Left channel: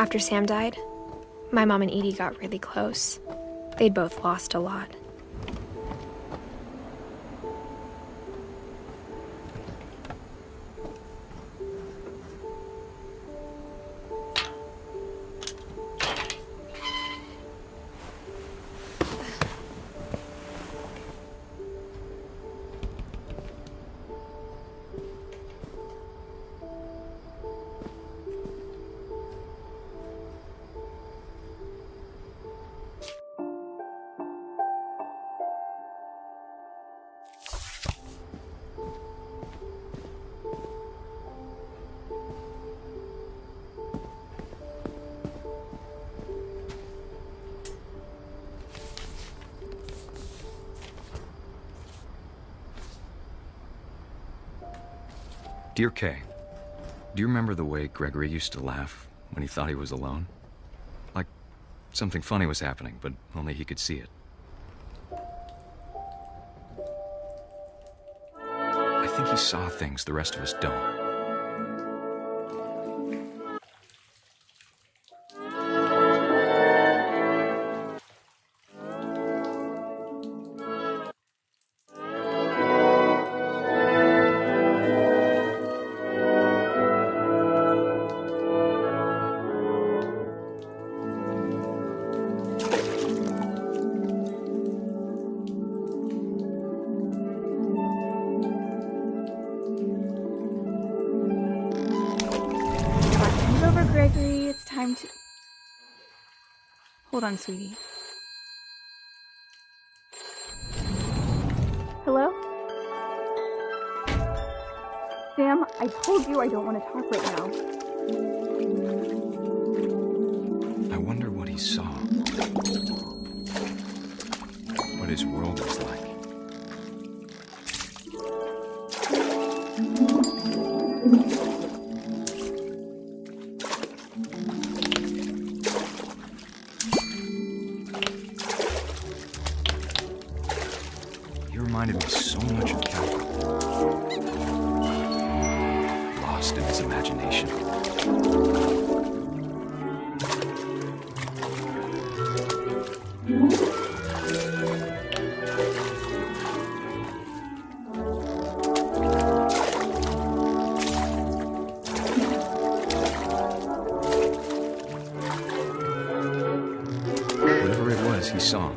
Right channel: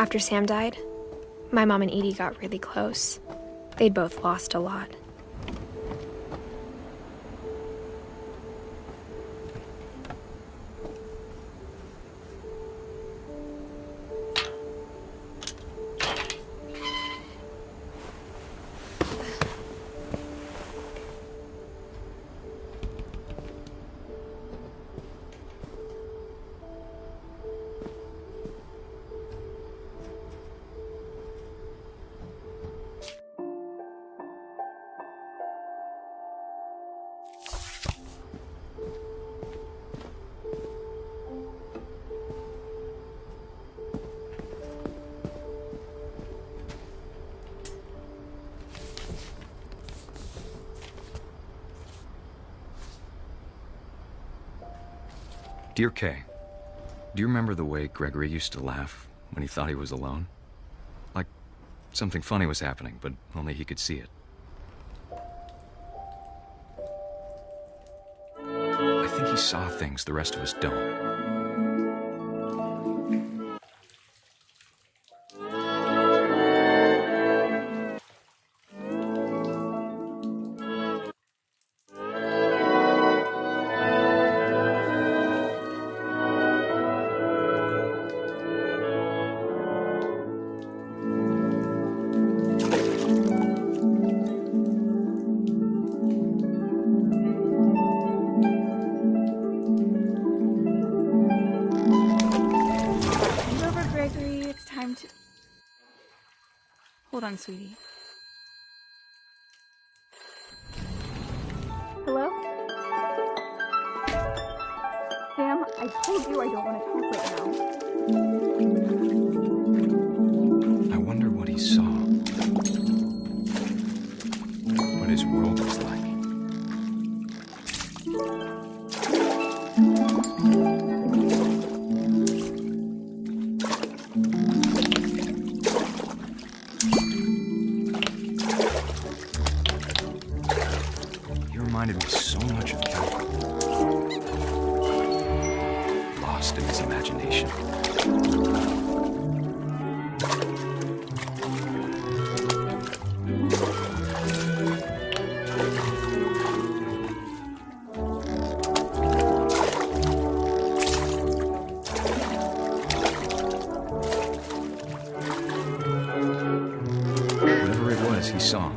After Sam died, my mom and Edie got really close. They'd both lost a lot. Dear Kay, do you remember the way Gregory used to laugh when he thought he was alone? Like something funny was happening, but only he could see it. I think he saw things the rest of us don't. Gregory, it's time to... Hold on, sweetie. Hello? Sam, I told you I don't want to talk right I wonder what he saw. What his world was like. Reminded me so much of Calvin. Lost in his imagination. Whatever it was, he saw.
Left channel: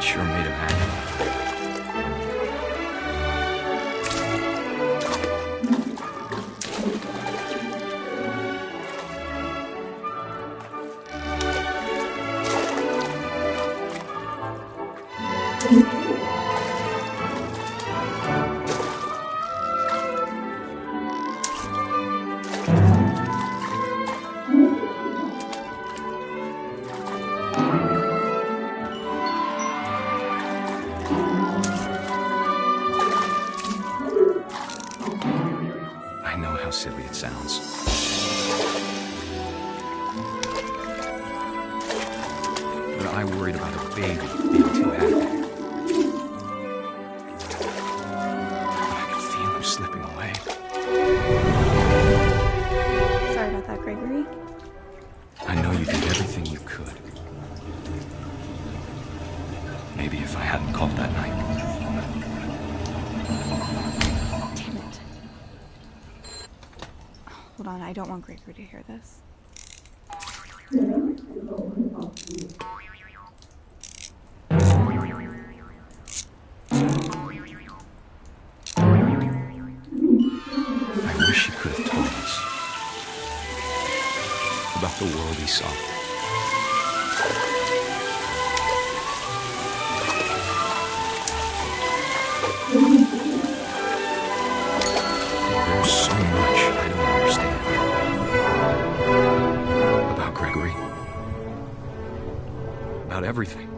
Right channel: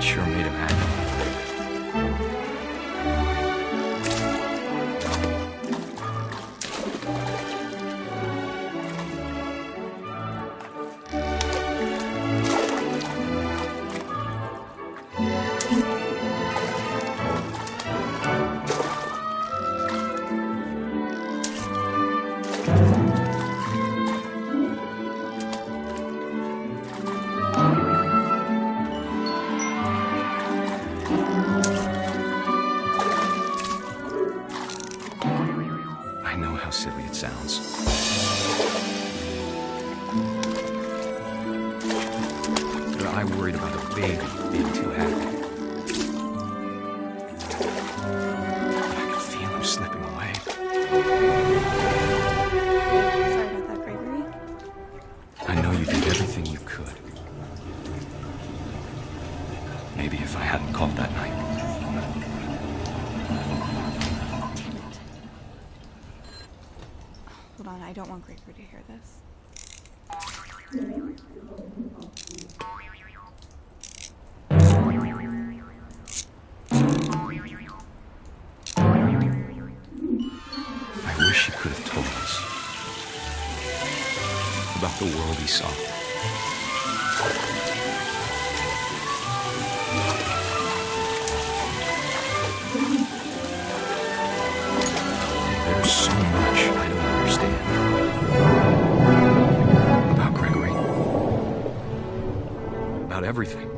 Sure made him happy. I know how silly it sounds. But I worried about a baby being too happy. But I could feel everything you could. Maybe if I hadn't called that night. Damn it. Hold on, I don't want Gregory to hear this. I wish he could have told us about the world he saw. There's so much I don't understand about Gregory, about everything.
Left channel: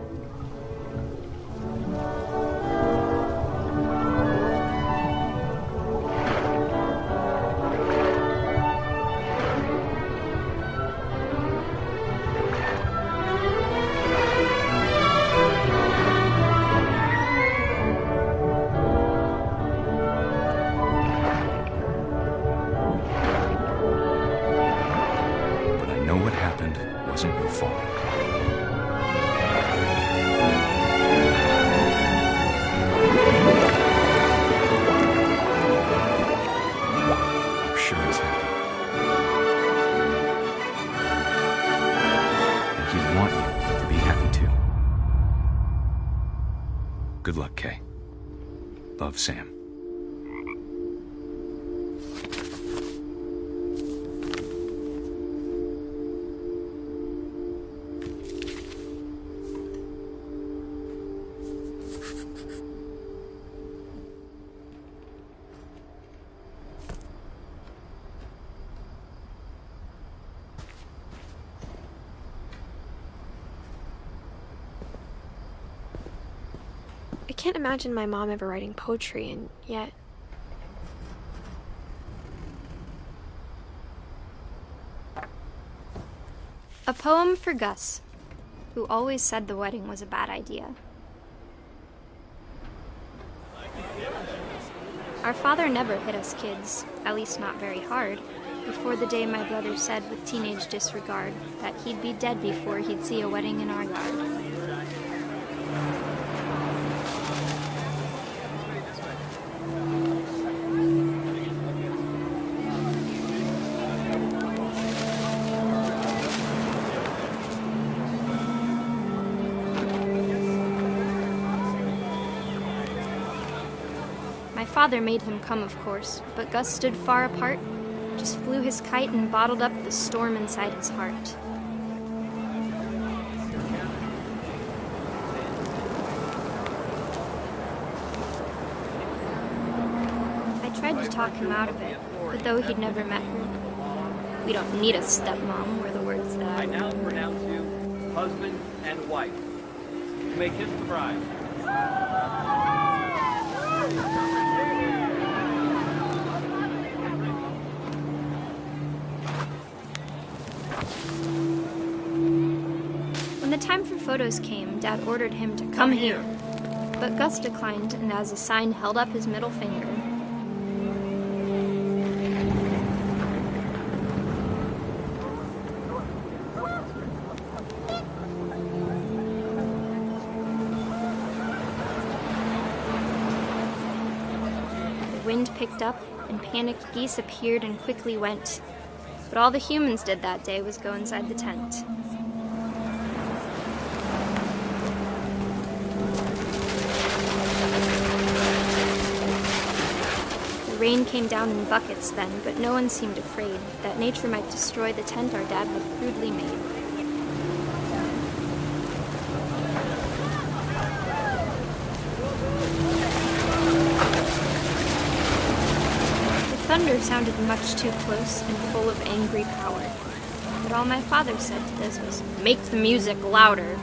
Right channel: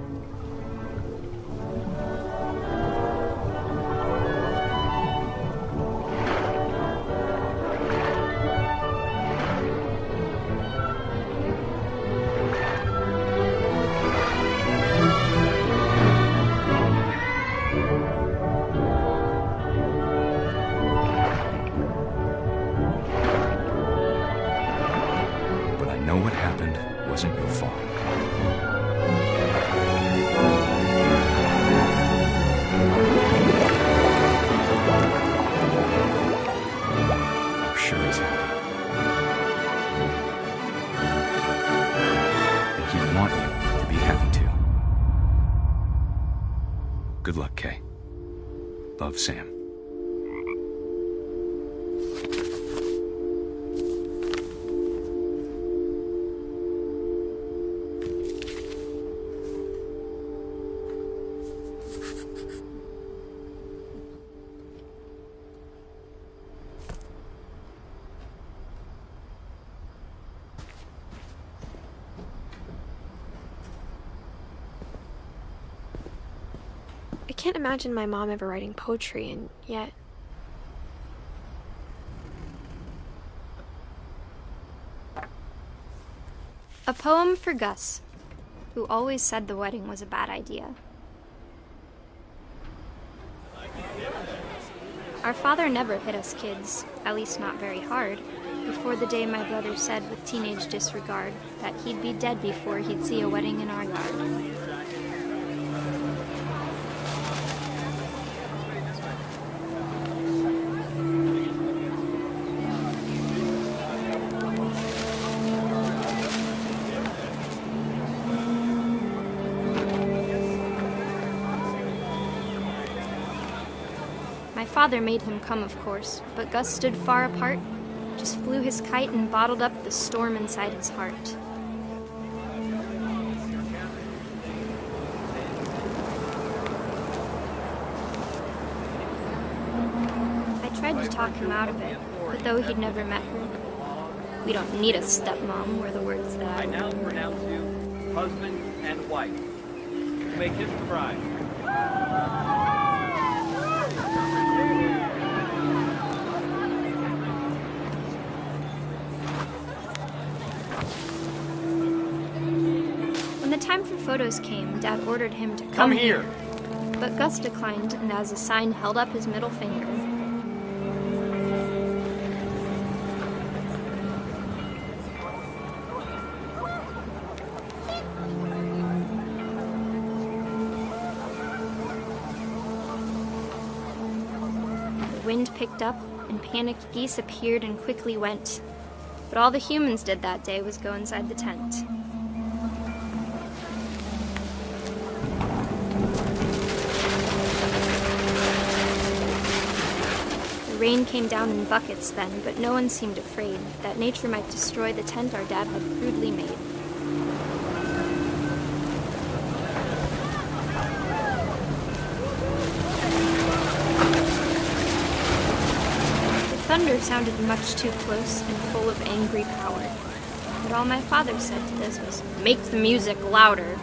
What happened wasn't your fault. I'm sure he's happy. And he'd want you to be happy too. Good luck, Kay. Love, Sam. I can't imagine my mom ever writing poetry, and yet... A poem for Gus, who always said the wedding was a bad idea. Our father never hit us kids, at least not very hard, before the day my brother said with teenage disregard that he'd be dead before he'd see a wedding in our yard. My father made him come, of course, but Gus stood far apart, just flew his kite and bottled up the storm inside his heart. I tried to talk him out of it, but though he'd never met her, "We don't need a stepmom," were the words that I now pronounce you husband and wife. You may kiss the bride. When the time for photos came, Dad ordered him to come here. But Gus declined and as a sign held up his middle finger. The wind picked up and panicked geese appeared and quickly went. But all the humans did that day was go inside the tent. The rain came down in buckets then, but no one seemed afraid that nature might destroy the tent our dad had crudely made. The thunder sounded much too close and full of angry power. But all my father said to this was, "Make the music louder."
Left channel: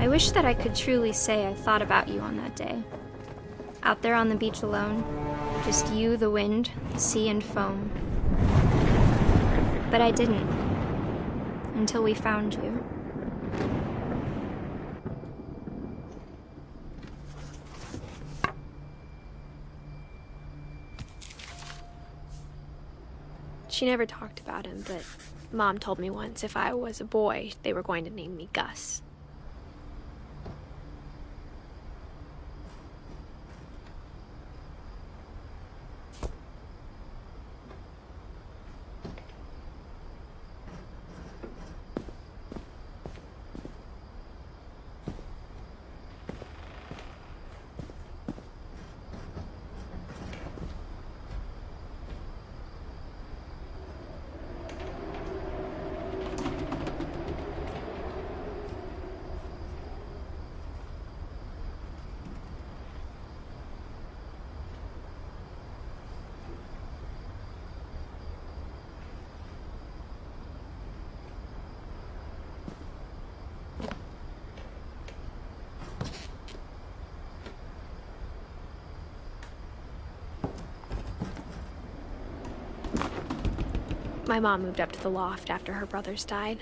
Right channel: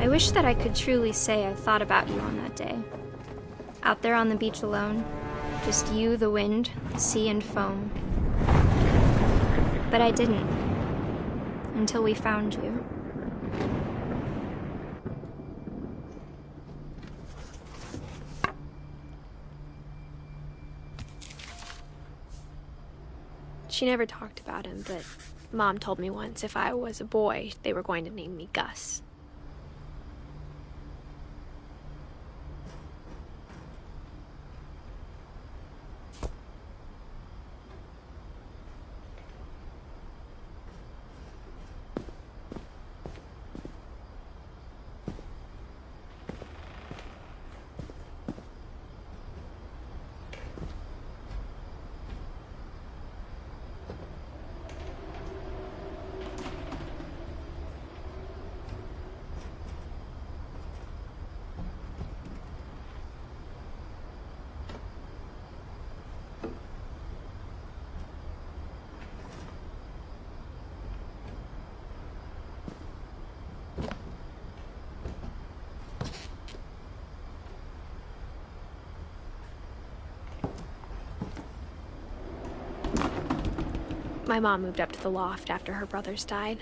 I wish that I could truly say I thought about you on that day. Out there on the beach alone, just you, the wind, the sea, and foam. But I didn't. Until we found you. She never talked about him, but Mom told me once if I was a boy, they were going to name me Gus. My mom moved up to the loft after her brothers died.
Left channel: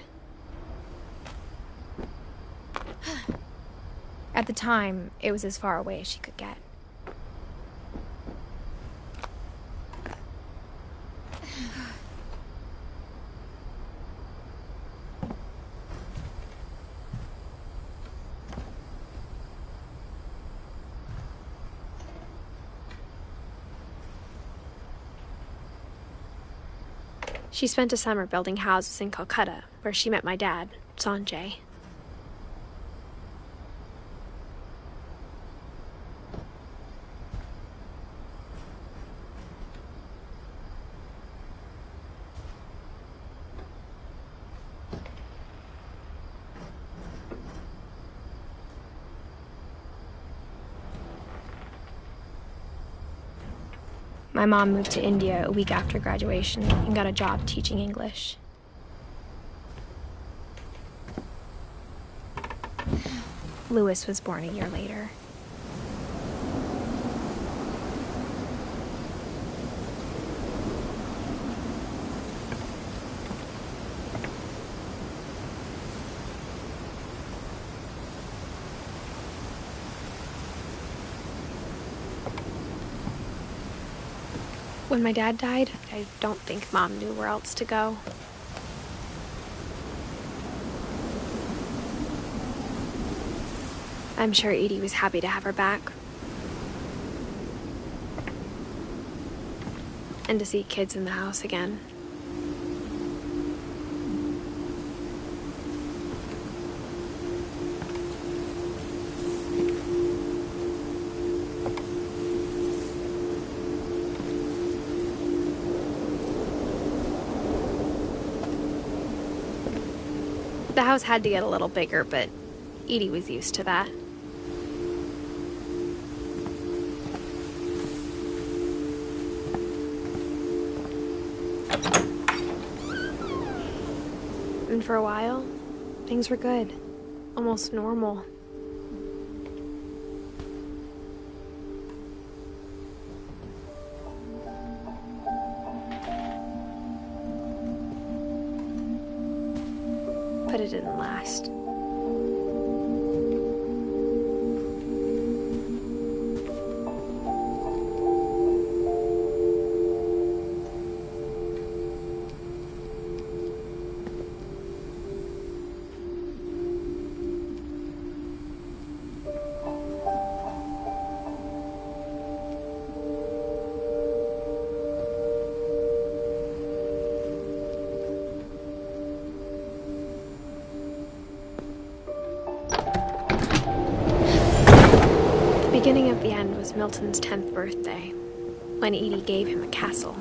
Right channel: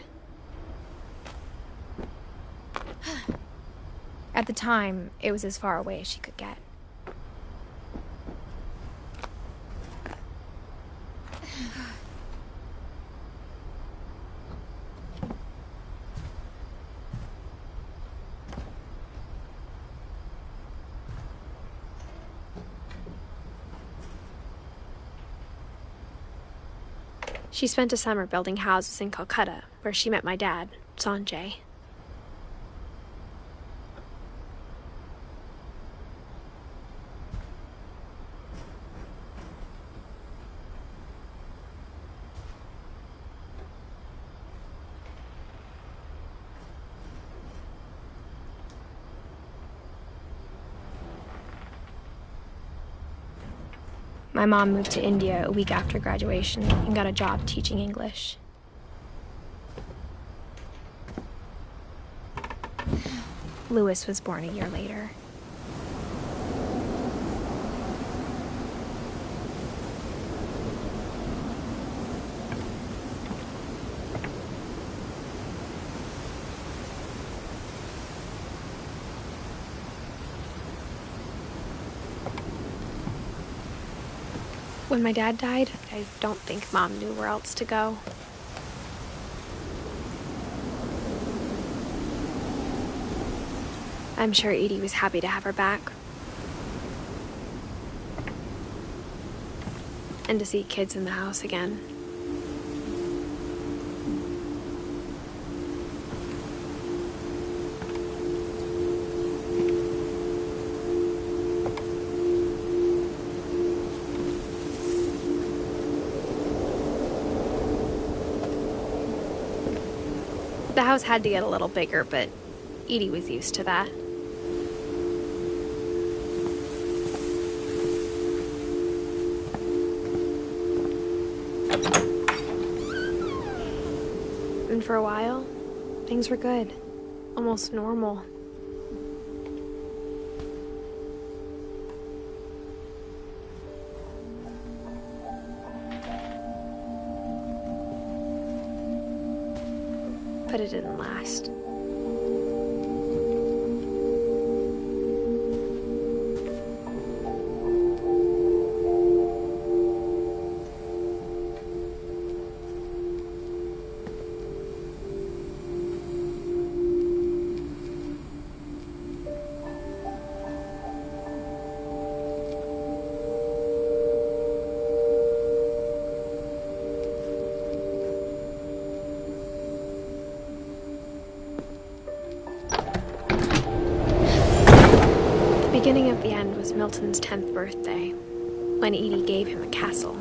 At the time, it was as far away as she could get. She spent a summer building houses in Calcutta, where she met my dad, Sanjay. My mom moved to India a week after graduation and got a job teaching English. Louis was born a year later. When my dad died, I don't think Mom knew where else to go. I'm sure Edie was happy to have her back. And to see kids in the house again. The house had to get a little bigger, but Edie was used to that. And for a while, things were good. Almost normal. But it didn't last. The beginning of the end was Milton's 10th birthday, when Edie gave him a castle.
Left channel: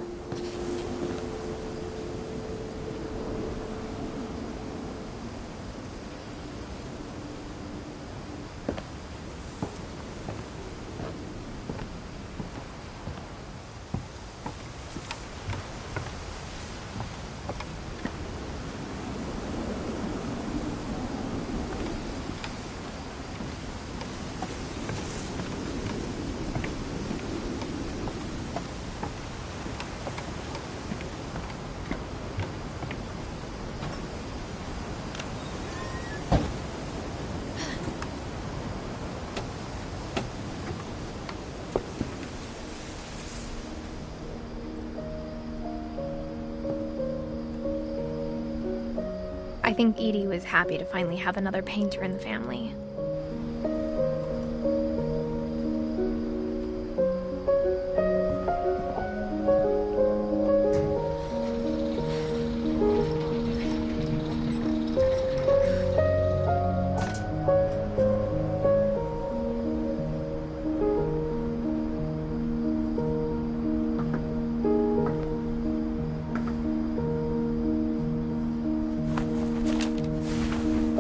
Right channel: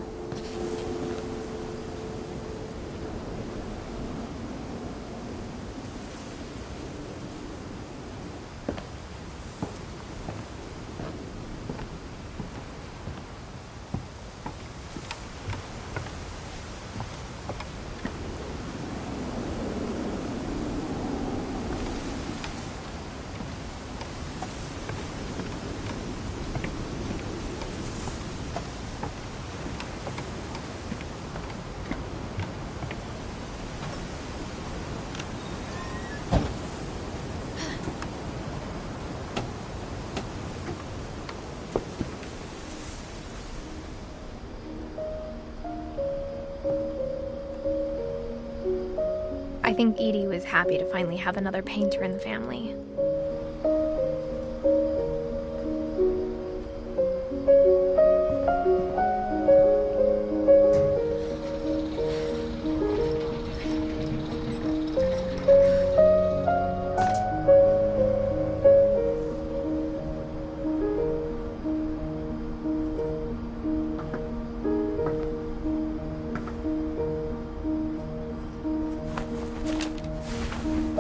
I think Edie was happy to finally have another painter in the family.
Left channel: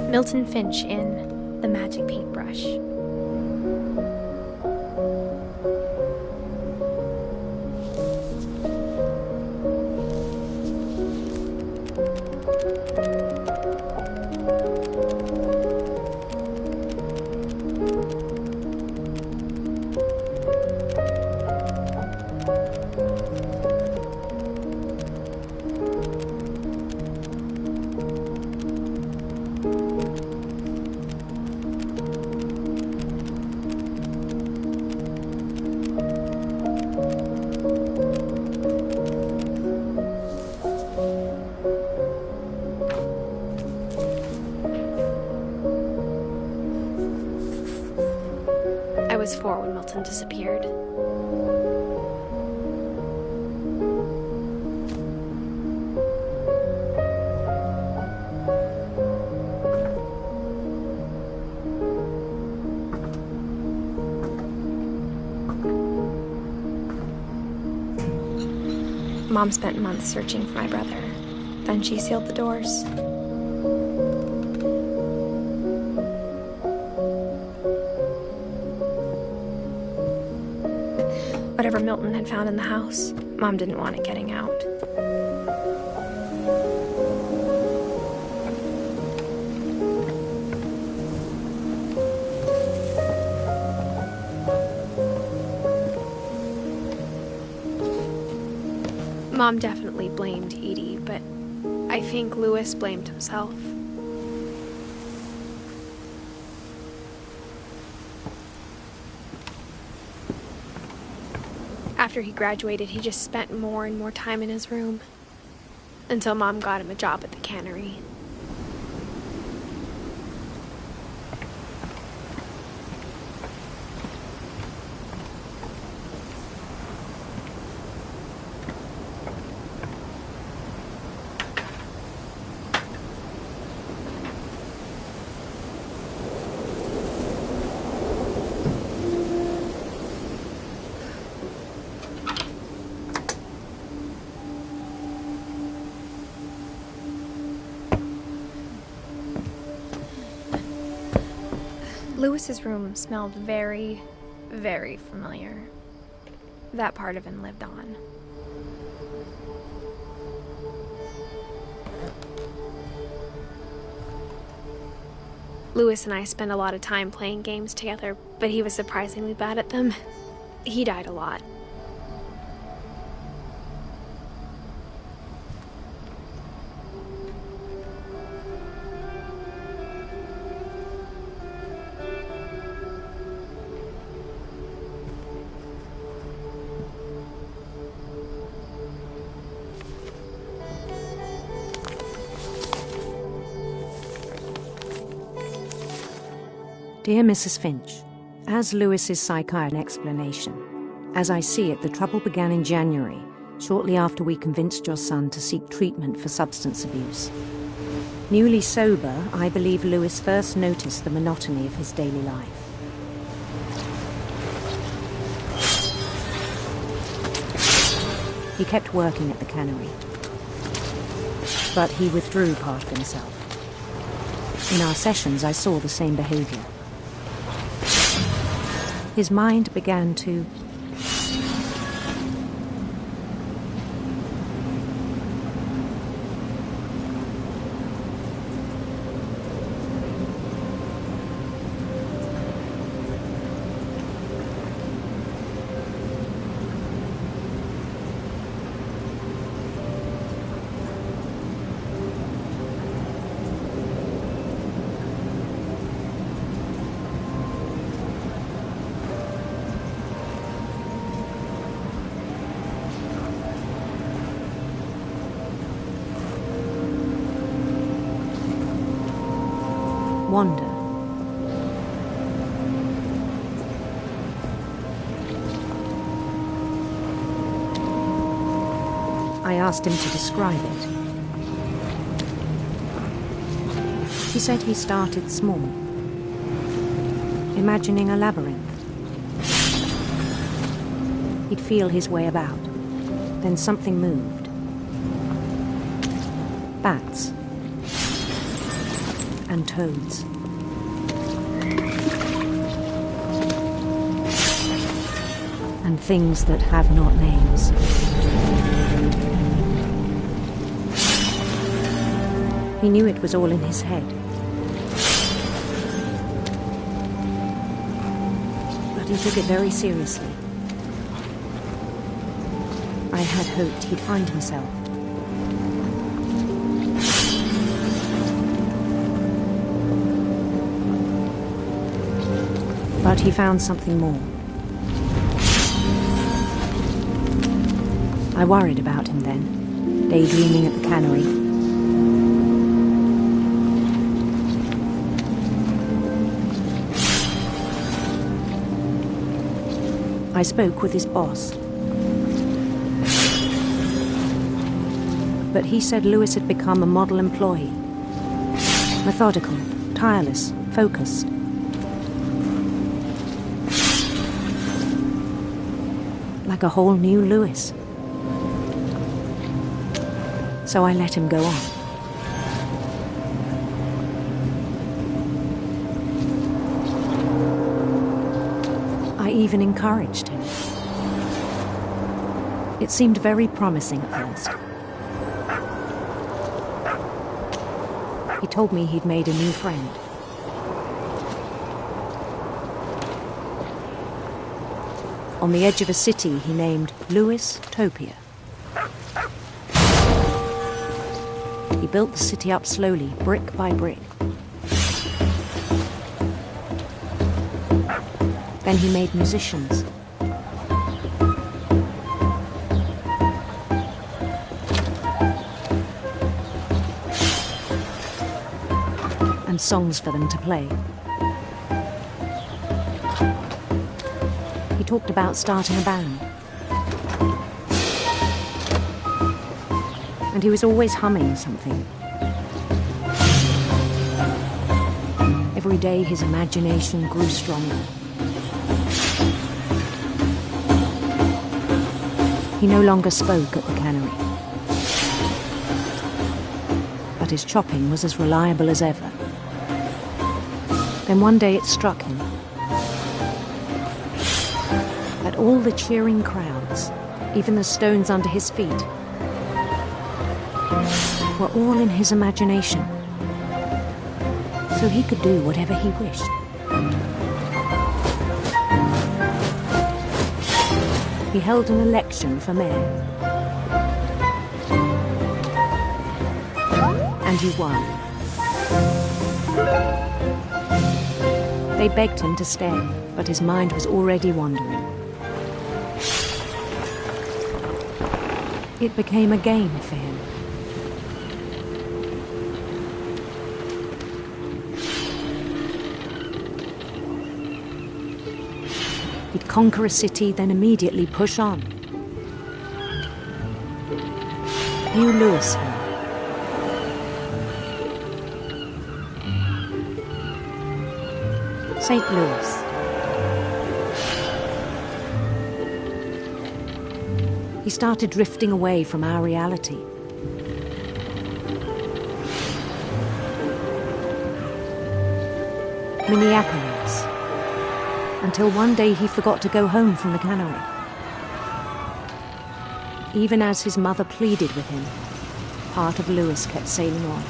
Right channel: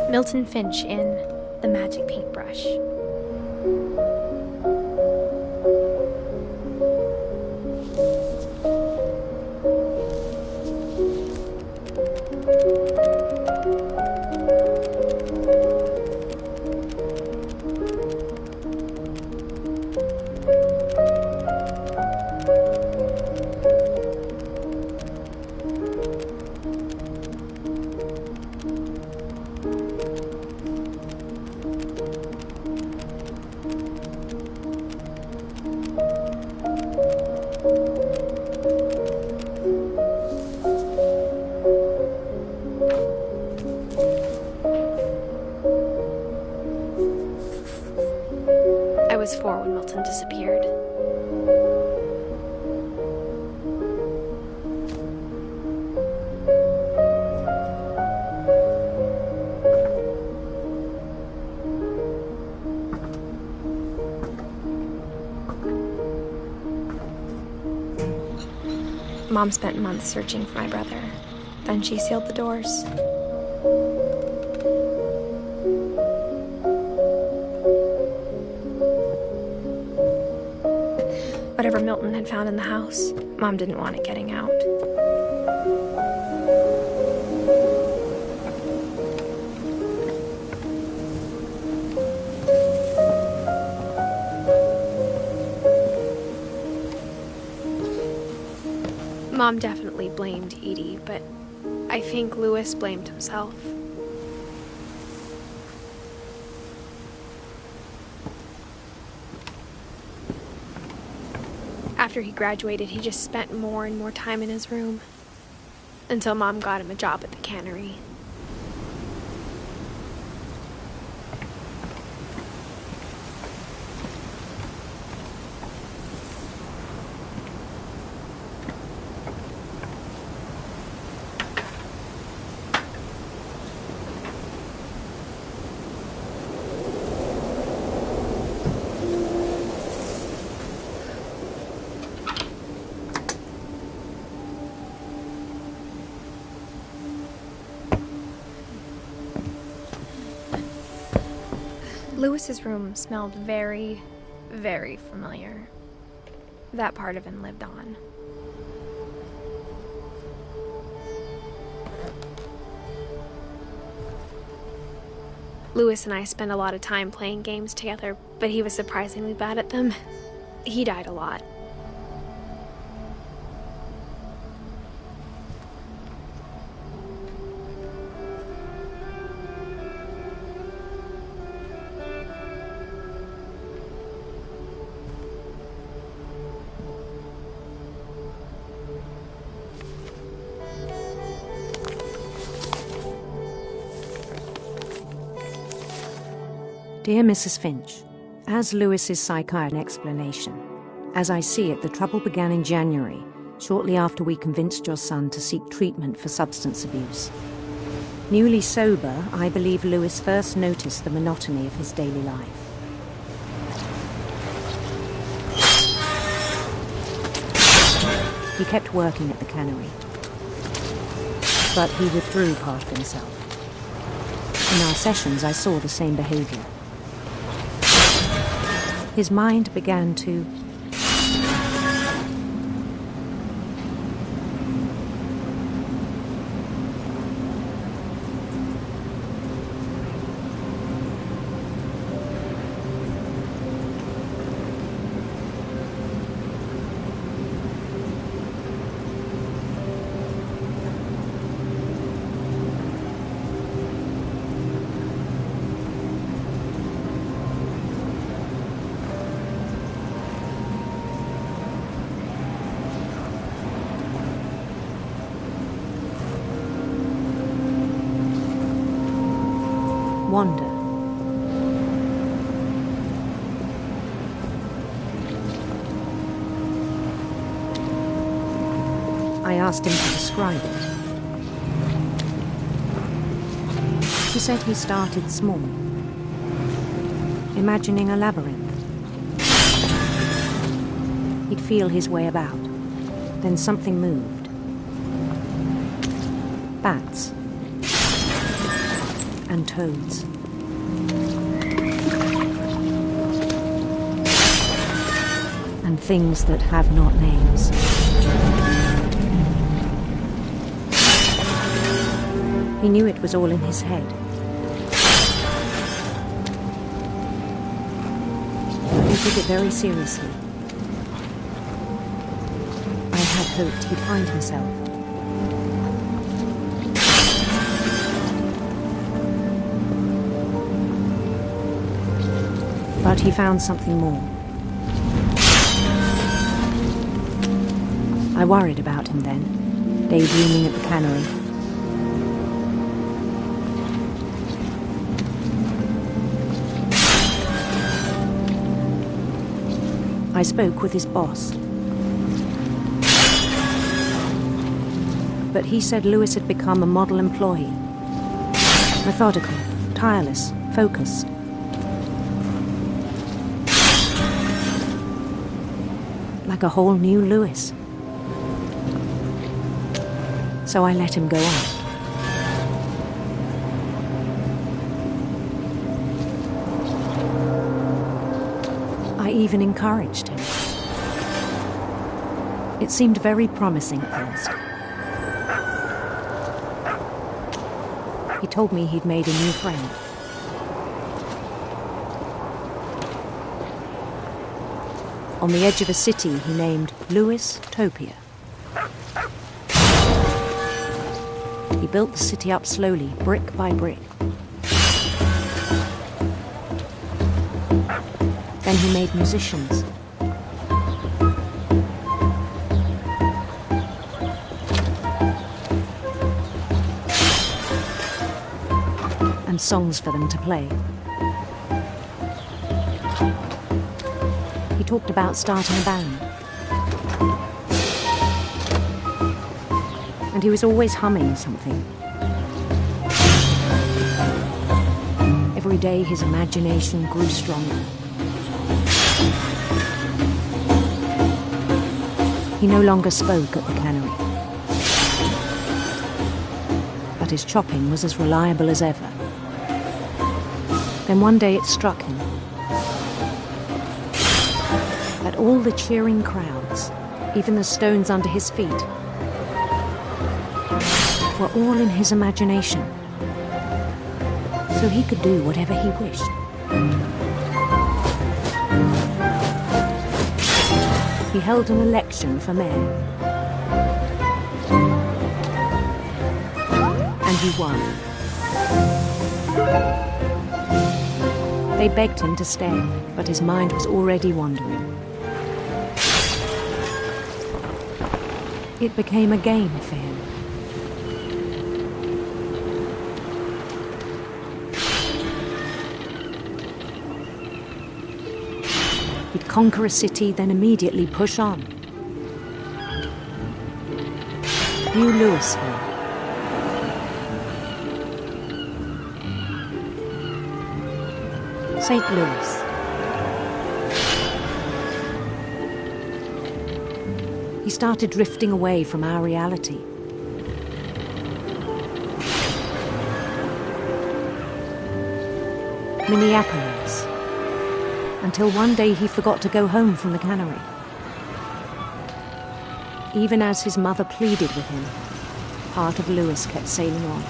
Milton Finch in The Magic Paintbrush. I was 4 when Milton disappeared. Mom spent months searching for my brother. Then she sealed the doors. Whatever Milton had found in the house, Mom didn't want it getting out. Mom definitely blamed Edie, but I think Louis blamed himself. After he graduated, he just spent more and more time in his room, until Mom got him a job at the cannery. Louis's room smelled very, very familiar. That part of him lived on. Louis and I spent a lot of time playing games together, but he was surprisingly bad at them. He died a lot. Dear Mrs. Finch, as Louis's psychiatrist explanation, as I see it, the trouble began in January, shortly after we convinced your son to seek treatment for substance abuse. Newly sober, I believe Louis first noticed the monotony of his daily life. He kept working at the cannery, but he withdrew part of himself. In our sessions, I saw the same behavior. His mind began to wander. I asked him to describe it. He said he started small, imagining a labyrinth. He'd feel his way about. Then something moved. Bats. And toads. And things that have not names. He knew it was all in his head. But he took it very seriously. I had hoped he'd find himself. But he found something more. I worried about him then, daydreaming at the cannery. I spoke with his boss. But he said Lewis had become a model employee. Methodical, tireless, focused. Like a whole new Lewis. So I let him go on. I even encouraged him. It seemed very promising at first. He told me he'd made a new friend. On the edge of a city he named Lewis Topia. He built the city up slowly, brick by brick. Then he made musicians. And songs for them to play. He talked about starting a band. And he was always humming something. Every day his imagination grew stronger. He no longer spoke at the cannery. But his chopping was as reliable as ever. Then one day it struck him that all the cheering crowds, even the stones under his feet, were all in his imagination. So he could do whatever he wished. He held an election for mayor. And he won. They begged him to stay, but his mind was already wandering. It became a game for him. He'd conquer a city, then immediately push on. New Louisville. St. Louis. He started drifting away from our reality. Minneapolis. Until one day he forgot to go home from the cannery. Even as his mother pleaded with him, part of Lewis kept sailing on.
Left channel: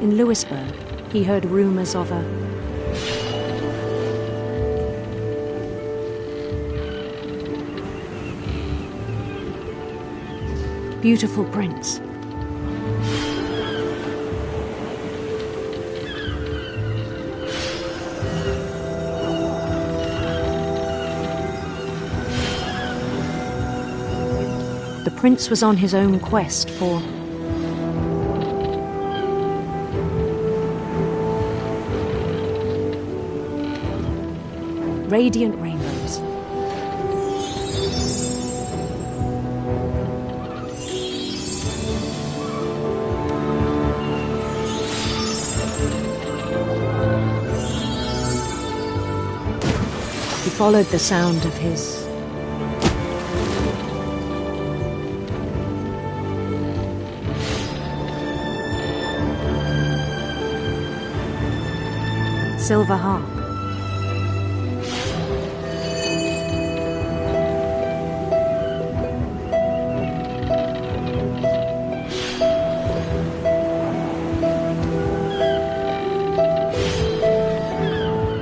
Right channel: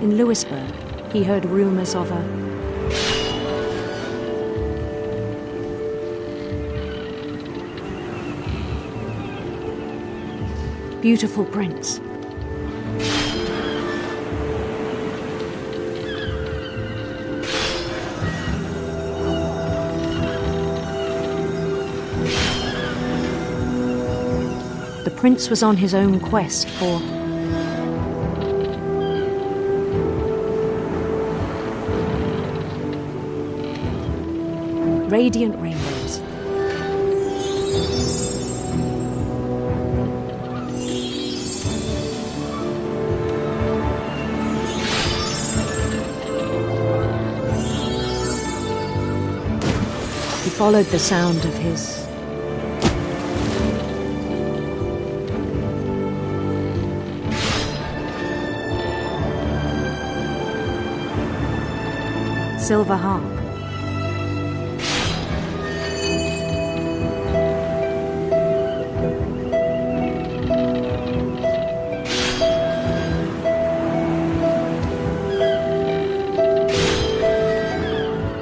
In Lewisburg, he heard rumors of a beautiful prince. prince was on his own quest for radiant rainbows. He followed the sound of his silver harp.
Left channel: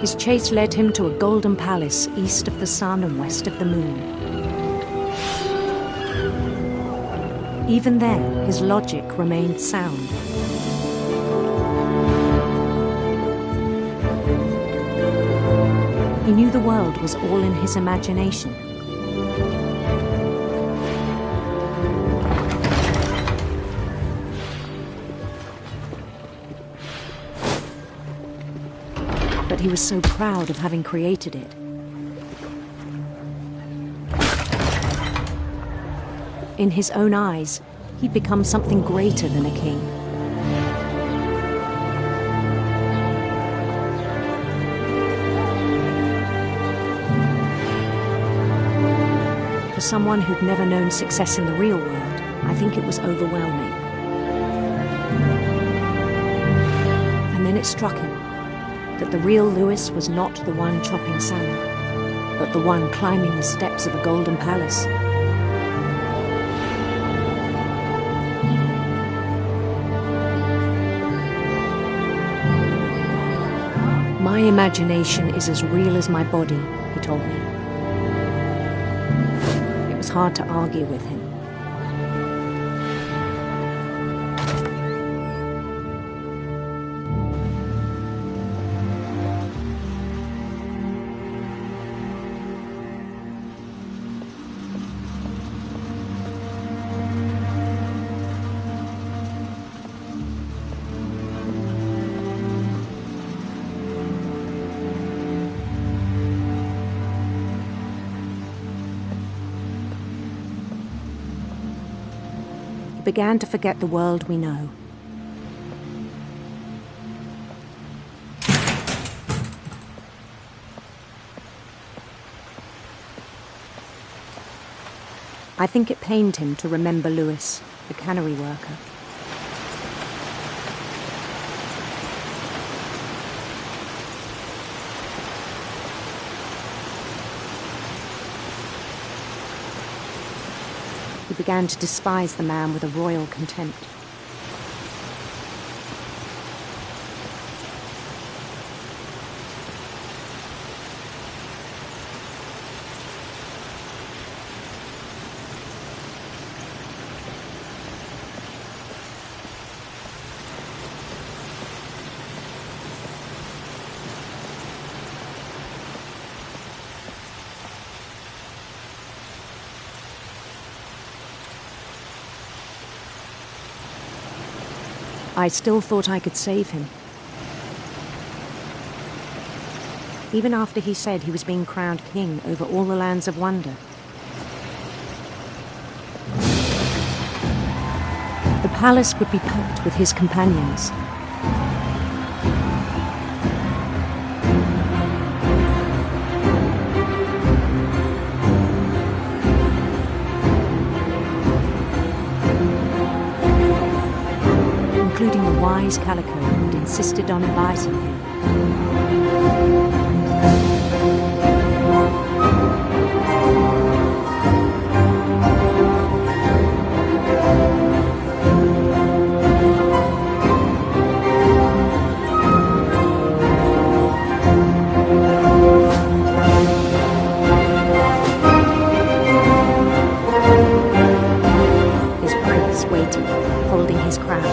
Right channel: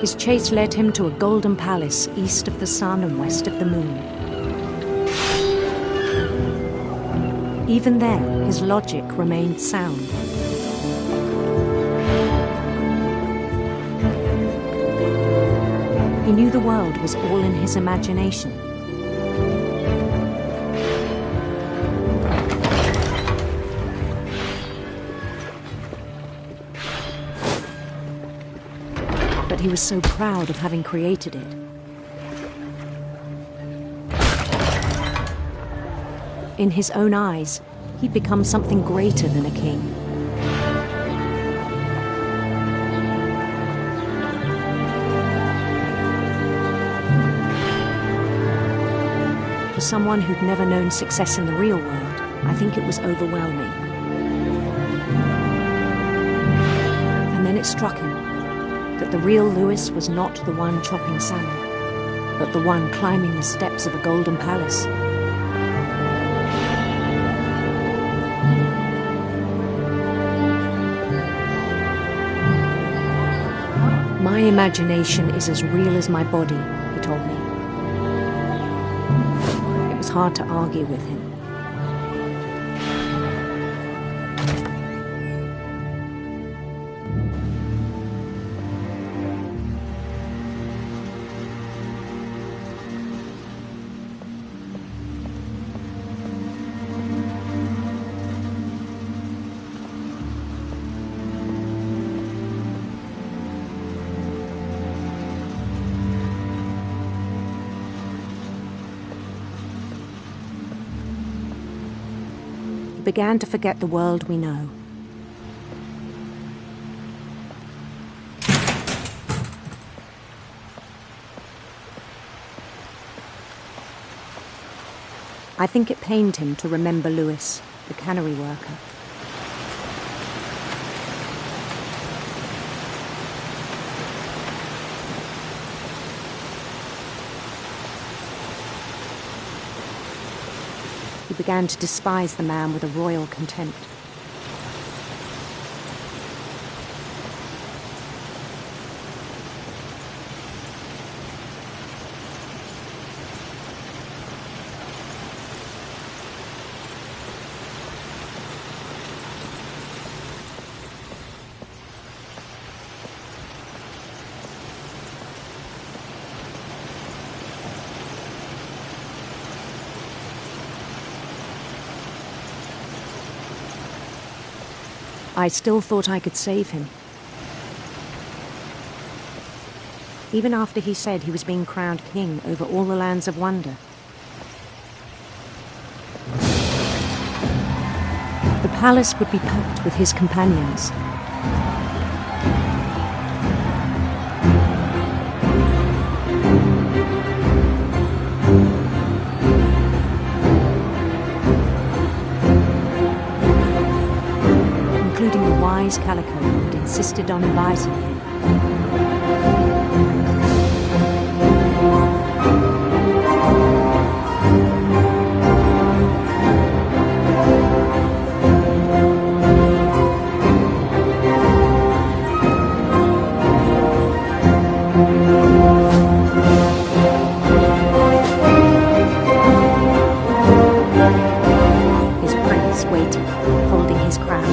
His chase led him to a golden palace east of the sun and west of the moon. Even then, his logic remained sound. He knew the world was all in his imagination. But he was so proud of having created it. In his own eyes, he'd become something greater than a king. For someone who'd never known success in the real world, I think it was overwhelming. And then it struck him that the real Lewis was not the one chopping salmon, but the one climbing the steps of a golden palace. My imagination is as real as my body, he told me. It was hard to argue with him. Began to forget the world we know. I think it pained him to remember Lewis, the cannery worker. He began to despise the man with a royal contempt. I still thought I could save him. Even after he said he was being crowned king over all the lands of wonder. The palace would be packed with his companions. Including the wise Calico who'd insisted on inviting him. His prince waited, holding his crown.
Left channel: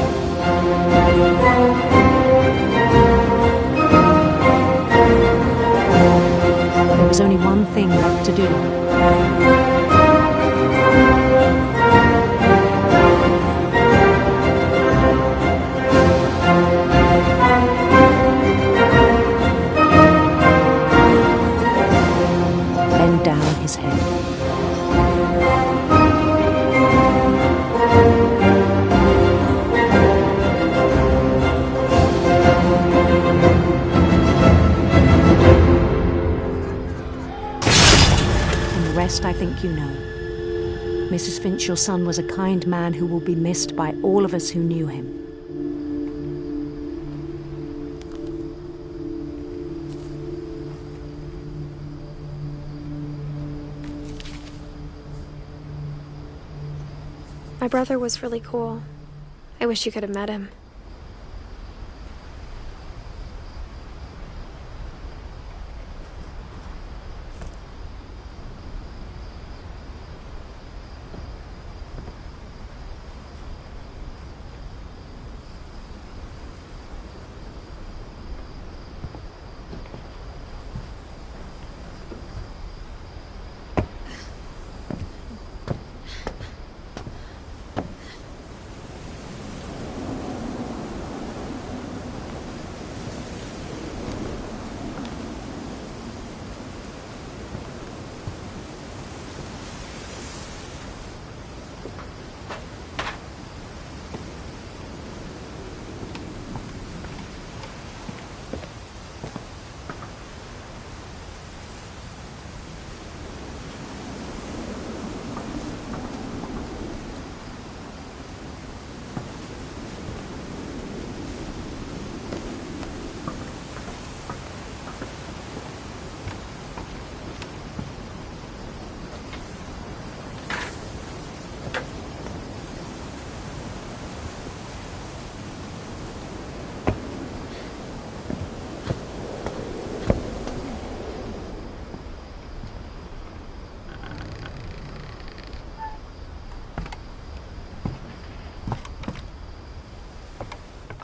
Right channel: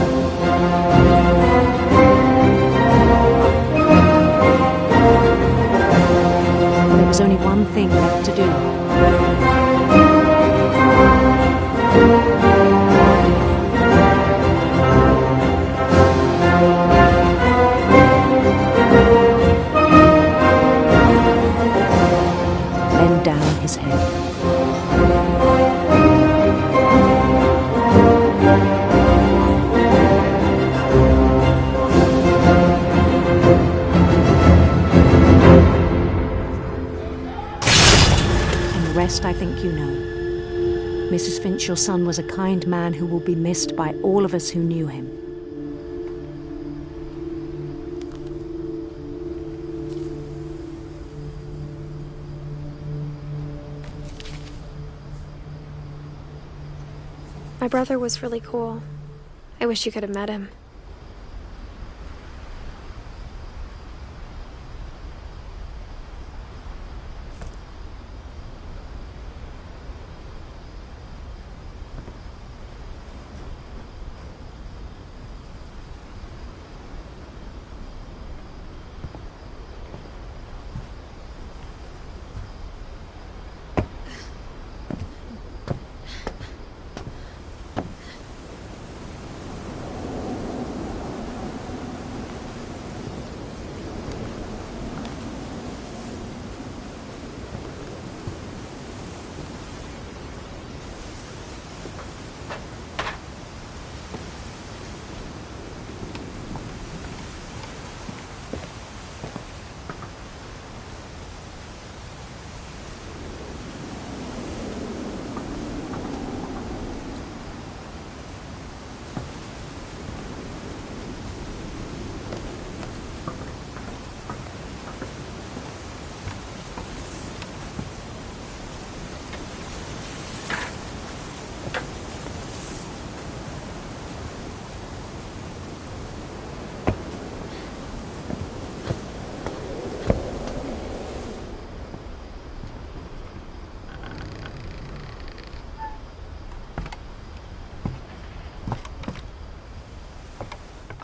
There was only one thing left to do. rest I think you know. Mrs. Finch, your son was a kind man who will be missed by all of us who knew him. My brother was really cool. I wish you could have met him.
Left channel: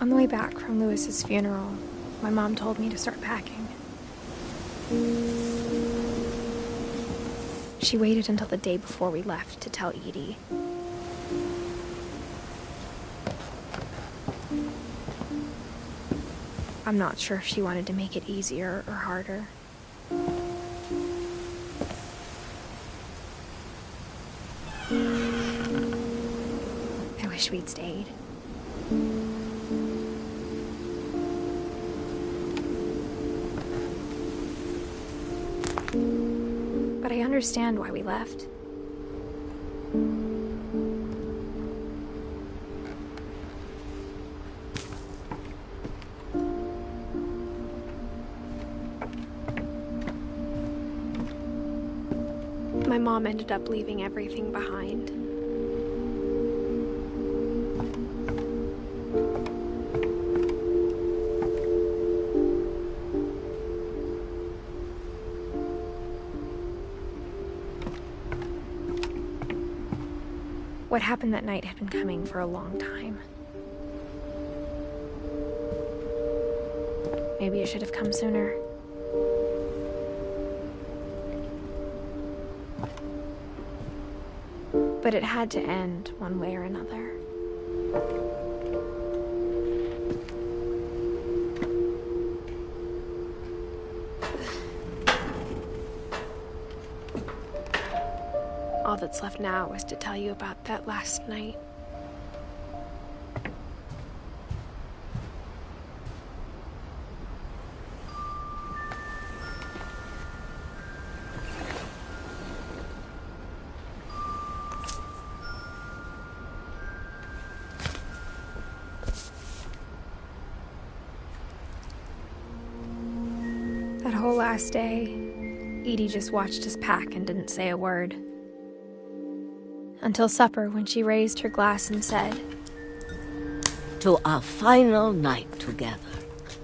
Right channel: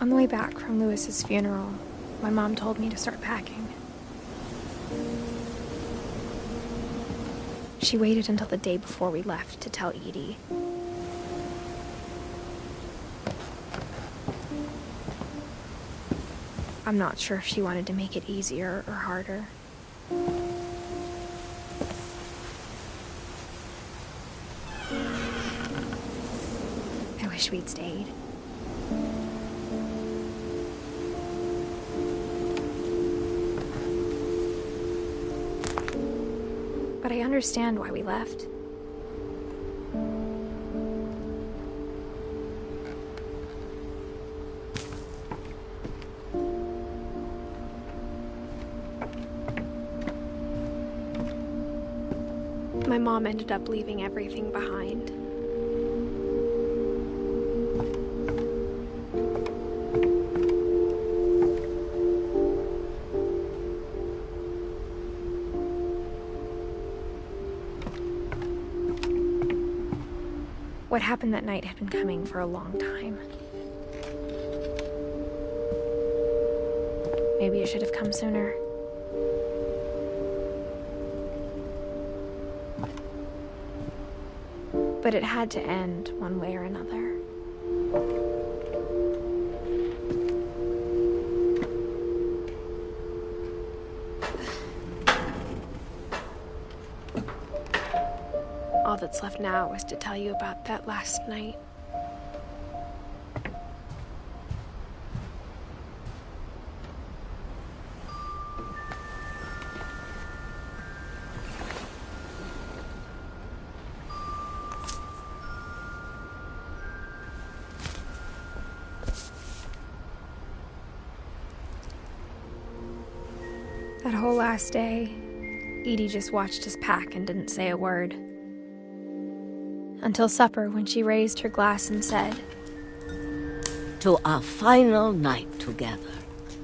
On the way back from Lewis's funeral, my mom told me to start packing. She waited until the day before we left to tell Edie. I'm not sure if she wanted to make it easier or harder. I wish we'd stayed. But I understand why we left. My mom ended up leaving everything behind. What happened that night had been coming for a long time. Maybe it should have come sooner. But it had to end one way or another. All that's left now is to tell you about that last night. That whole last day, Edie just watched us pack and didn't say a word. Until supper, when she raised her glass and said, "To our final night together,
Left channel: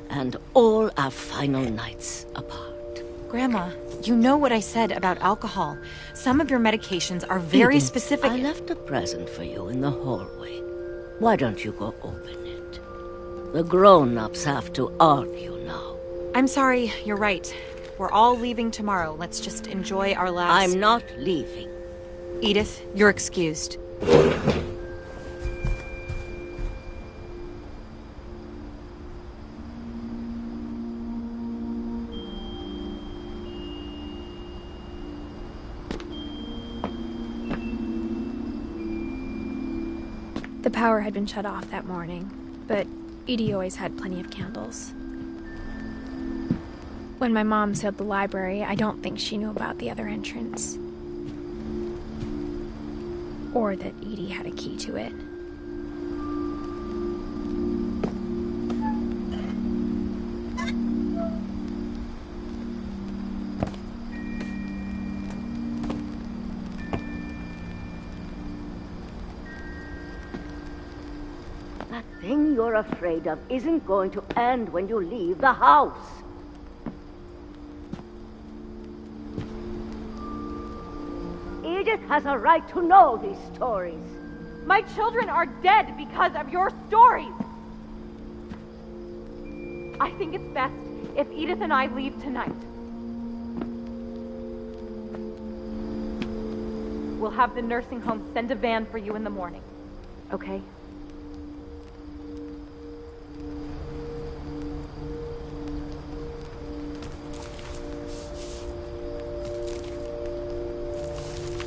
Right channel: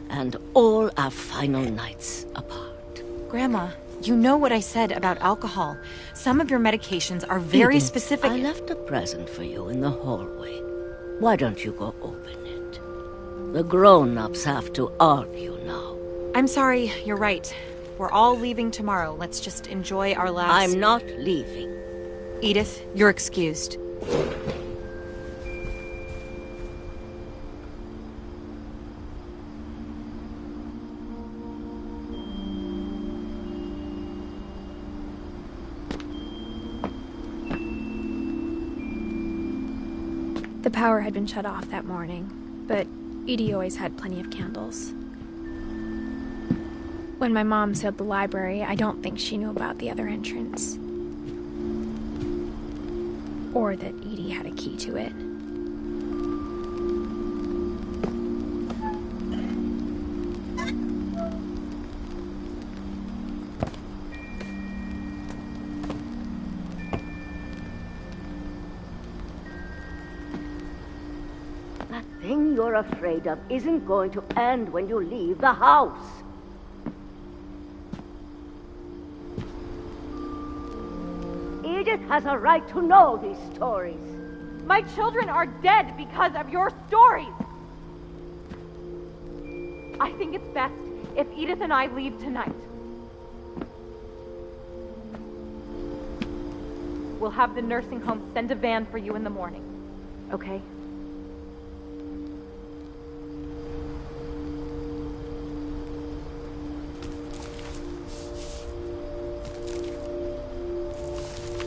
and all our final nights apart." Grandma, you know what I said about alcohol. Some of your medications are very Edith, specific. I left a present for you in the hallway. Why don't you go open it? The grown-ups have to argue now. I'm sorry, you're right. We're all leaving tomorrow. Let's just enjoy our last... I'm not leaving. Edith, you're excused. The power had been shut off that morning, but Edie always had plenty of candles. When my mom sealed the library, I don't think she knew about the other entrance. or that Edie had a key to it. That thing you're afraid of isn't going to end when you leave the house. Edith has a right to know these stories. My children are dead because of your stories. I think it's best if Edith and I leave tonight. We'll have the nursing home send a van for you in the morning, okay?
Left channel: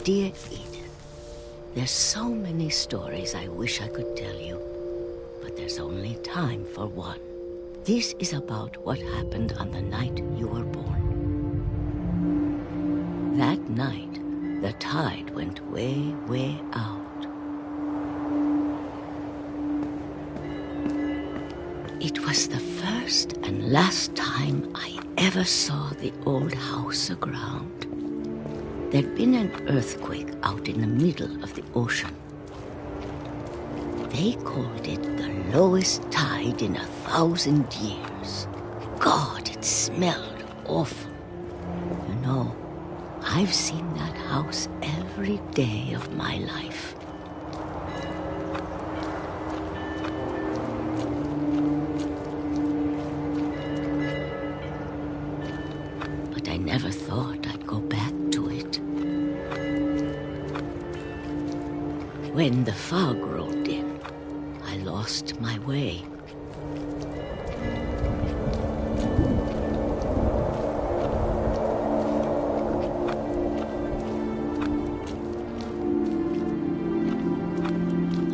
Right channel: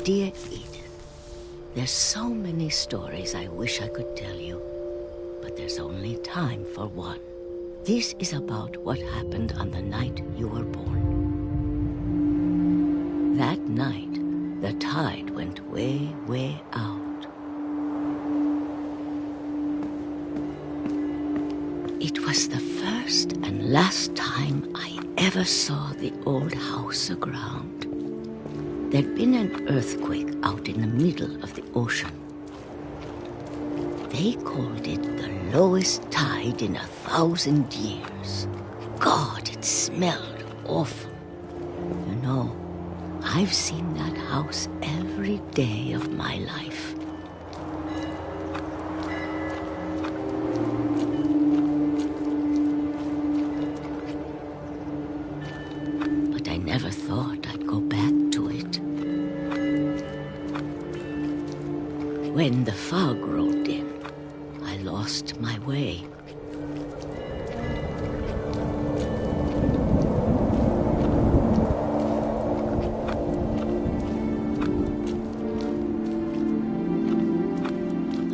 Dear Edith, there's so many stories I wish I could tell you, but there's only time for one. This is about what happened on the night you were born. That night, the tide went way, way out. It was the first and last time I ever saw the old house aground. There'd been an earthquake out in the middle of the ocean. They called it the lowest tide in 1,000 years. God, it smelled awful. You know, I've seen that house every day of my life. But I never thought I'd go back to it. When the fog rolled in, I lost my way.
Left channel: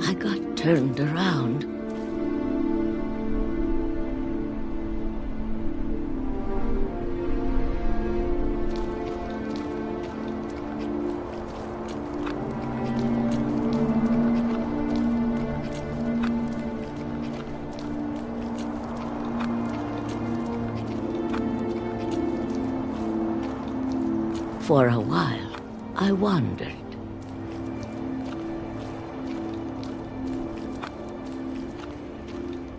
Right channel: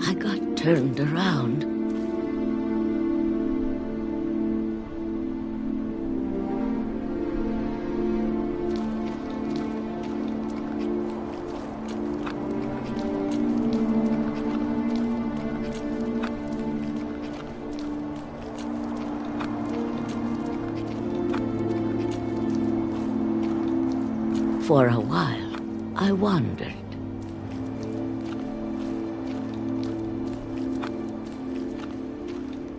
I got turned around. For a while, I wandered.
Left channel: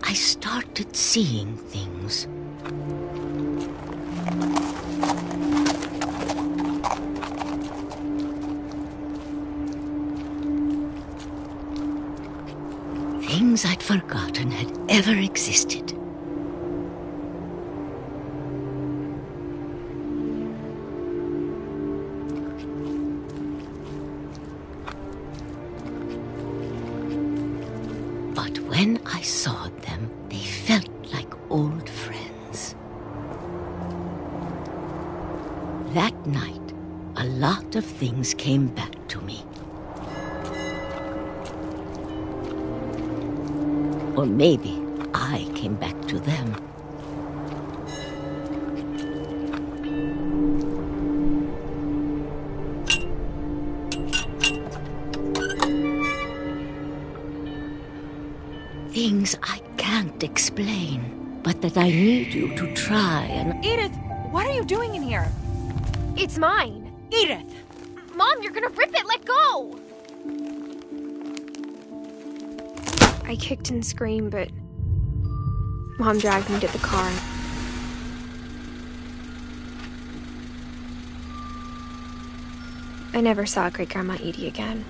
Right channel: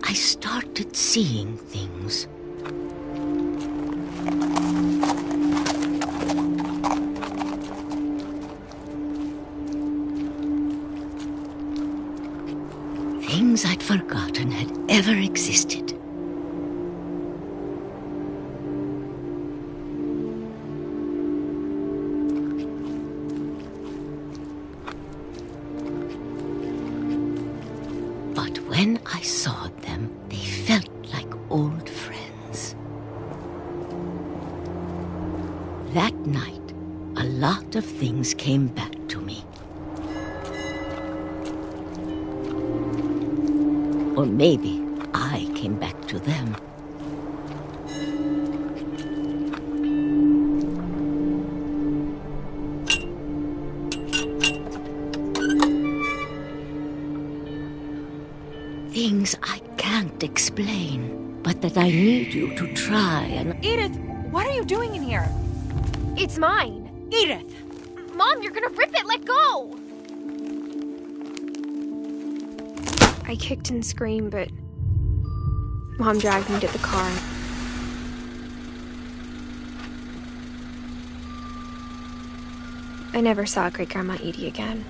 I started seeing things. Things I'd forgotten had ever existed. But when I saw them, they felt like old friends. That night, a lot of things came back to me. Or maybe I came back to them. Things I can't explain, but that I need you to try and... Edith, what are you doing in here? It's mine. Edith! Mom, you're gonna rip it! Let go! I kicked and screamed, but Mom dragged me to the car. I never saw Great-Grandma Edie again.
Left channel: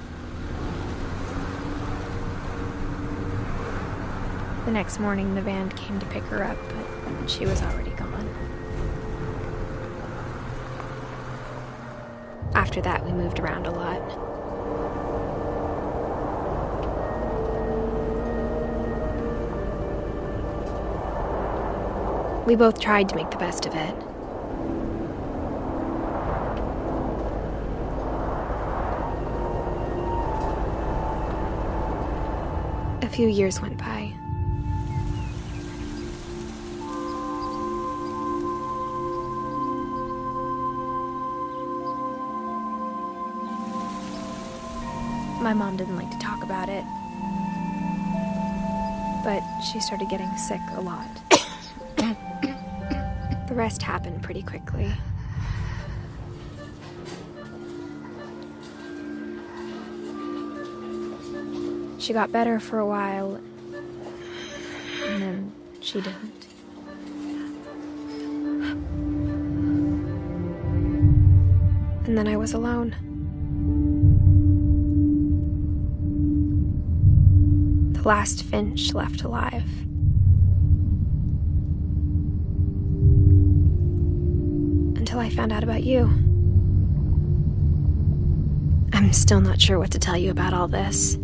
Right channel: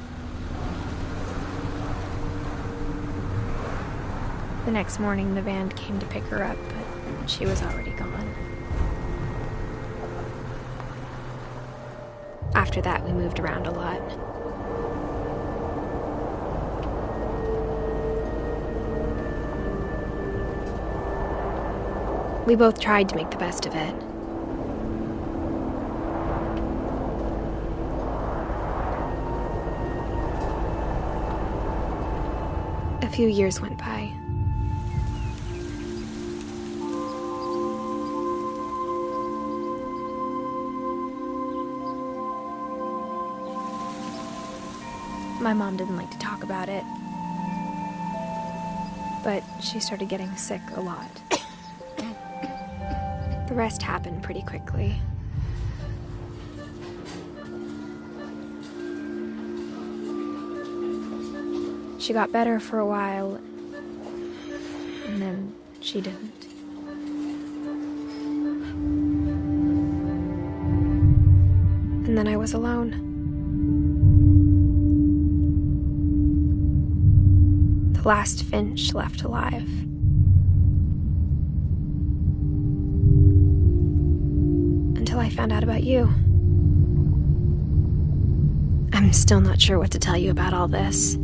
The next morning, the van came to pick her up, but she was already gone. After that, we moved around a lot. We both tried to make the best of it. A few years went by. My mom didn't like to talk about it, but she started getting sick a lot. The rest happened pretty quickly. She got better for a while, and then she didn't. And then I was alone. The last Finch left alive. Until I found out about you. I'm still not sure what to tell you about all this.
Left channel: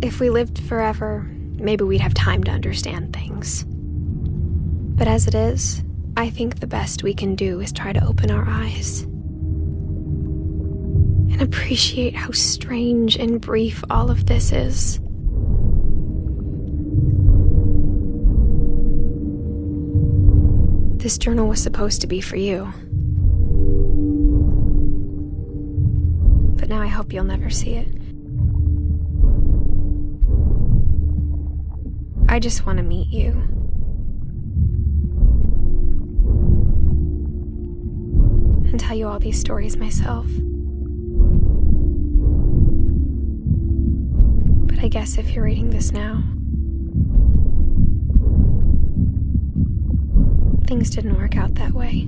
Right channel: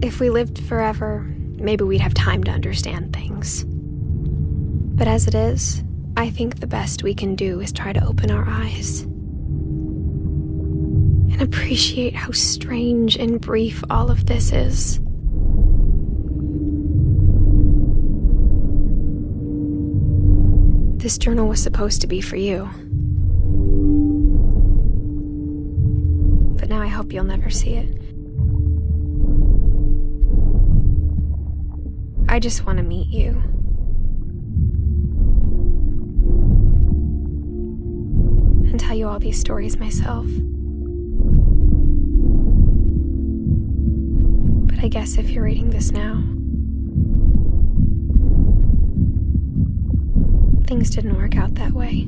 If we lived forever, maybe we'd have time to understand things. But as it is, I think the best we can do is try to open our eyes and appreciate how strange and brief all of this is. This journal was supposed to be for you. But now I hope you'll never see it. I just want to meet you. And tell you all these stories myself. But I guess if you're reading this now, things didn't work out that way.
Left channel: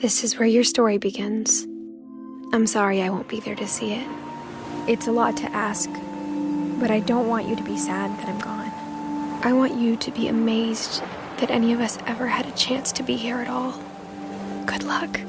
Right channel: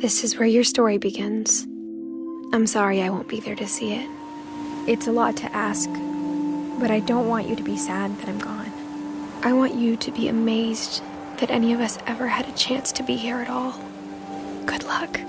This is where your story begins. I'm sorry I won't be there to see it. It's a lot to ask, but I don't want you to be sad that I'm gone. I want you to be amazed that any of us ever had a chance to be here at all. Good luck.